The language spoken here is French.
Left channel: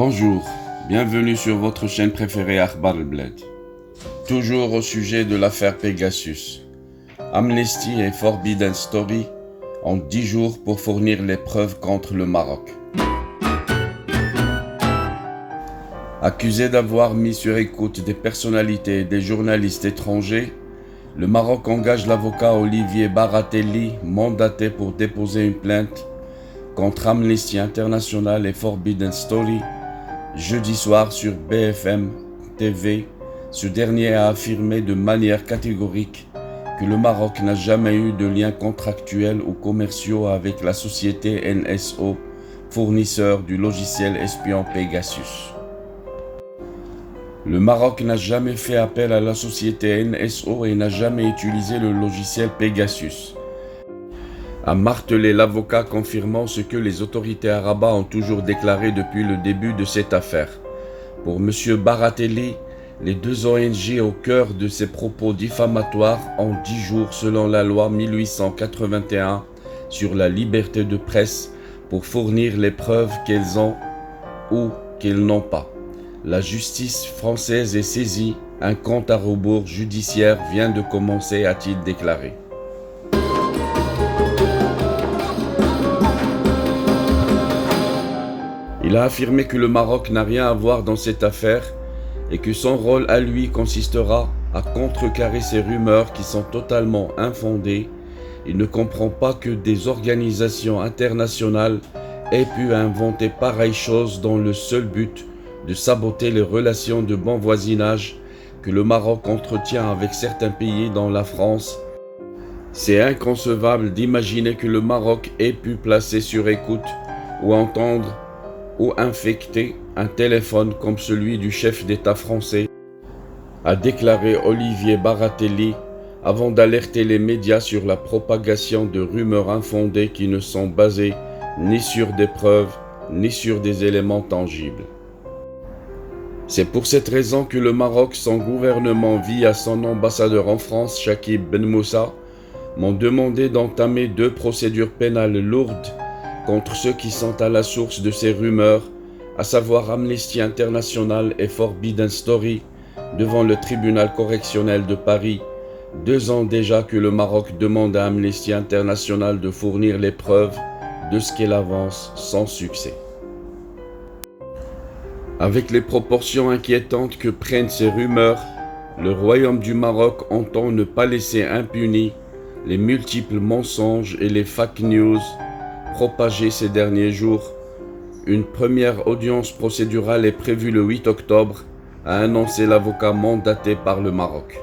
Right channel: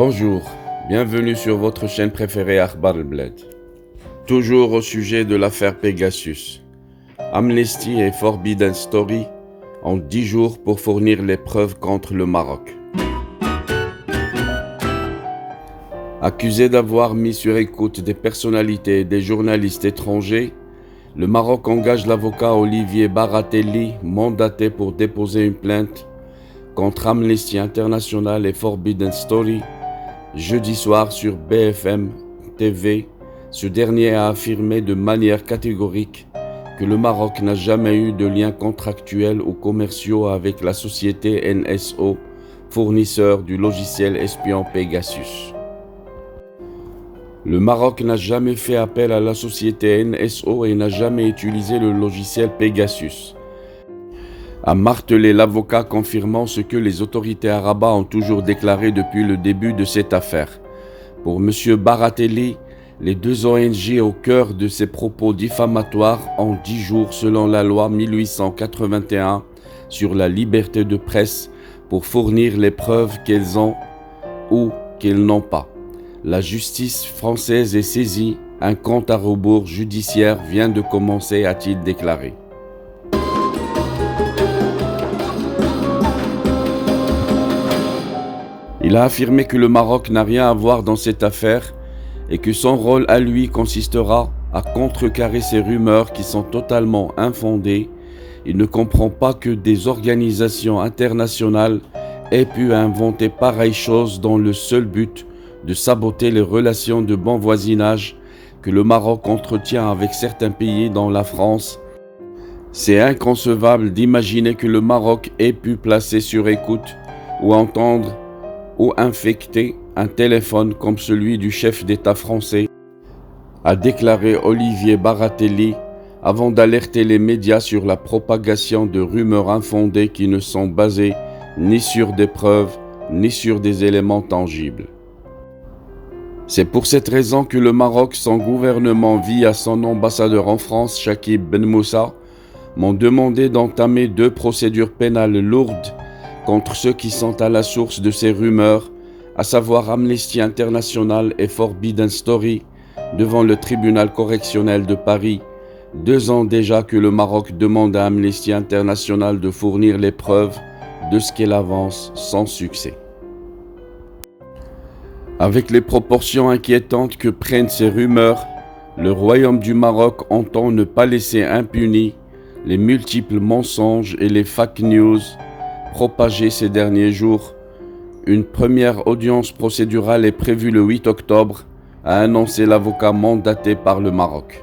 Bonjour, bienvenue sur votre chaîne préférée Akhbar al-Bled. Toujours au sujet de l'affaire Pegasus. Amnesty et Forbidden Story ont 10 jours pour fournir les preuves contre le Maroc. Accusé d'avoir mis sur écoute des personnalités et des journalistes étrangers, le Maroc engage l'avocat Olivier Baratelli, mandaté pour déposer une plainte contre Amnesty International et Forbidden Story. Jeudi soir sur BFM TV, ce dernier a affirmé de manière catégorique que le Maroc n'a jamais eu de liens contractuels ou commerciaux avec la société NSO, fournisseur du logiciel espion Pegasus. Le Maroc n'a jamais fait appel à la société NSO et n'a jamais utilisé le logiciel Pegasus, a martelé l'avocat, confirmant ce que les autorités à Rabat ont toujours déclaré depuis le début de cette affaire. Pour M. Baratelli, les deux ONG au cœur de ces propos diffamatoires ont 10 jours selon la loi 1881 sur la liberté de presse pour fournir les preuves qu'elles ont ou qu'elles n'ont pas. La justice française est saisie, un compte à rebours judiciaire vient de commencer, a-t-il déclaré. Il a affirmé que le Maroc n'a rien à voir dans cette affaire et que son rôle à lui consistera à contrecarrer ces rumeurs qui sont totalement infondées. Il ne comprend pas que des organisations internationales aient pu inventer pareille chose dans le seul but de saboter les relations de bon voisinage que le Maroc entretient avec certains pays dont la France. C'est inconcevable d'imaginer que le Maroc ait pu placer sur écoute ou entendre ou infecter un téléphone comme celui du chef d'État français, a déclaré Olivier Baratelli avant d'alerter les médias sur la propagation de rumeurs infondées qui ne sont basées ni sur des preuves ni sur des éléments tangibles. C'est pour cette raison que le Maroc, son gouvernement via son ambassadeur en France, Chakib Ben Moussa, m'ont demandé d'entamer 2 procédures pénales lourdes contre ceux qui sont à la source de ces rumeurs, à savoir Amnesty International et Forbidden Story, devant le tribunal correctionnel de Paris, 2 ans déjà que le Maroc demande à Amnesty International de fournir les preuves de ce qu'elle avance sans succès. Avec les proportions inquiétantes que prennent ces rumeurs, le Royaume du Maroc entend ne pas laisser impunis les multiples mensonges et les fake news propagés ces derniers jours. Une première audience procédurale est prévue le 8 octobre, a annoncé l'avocat mandaté par le Maroc.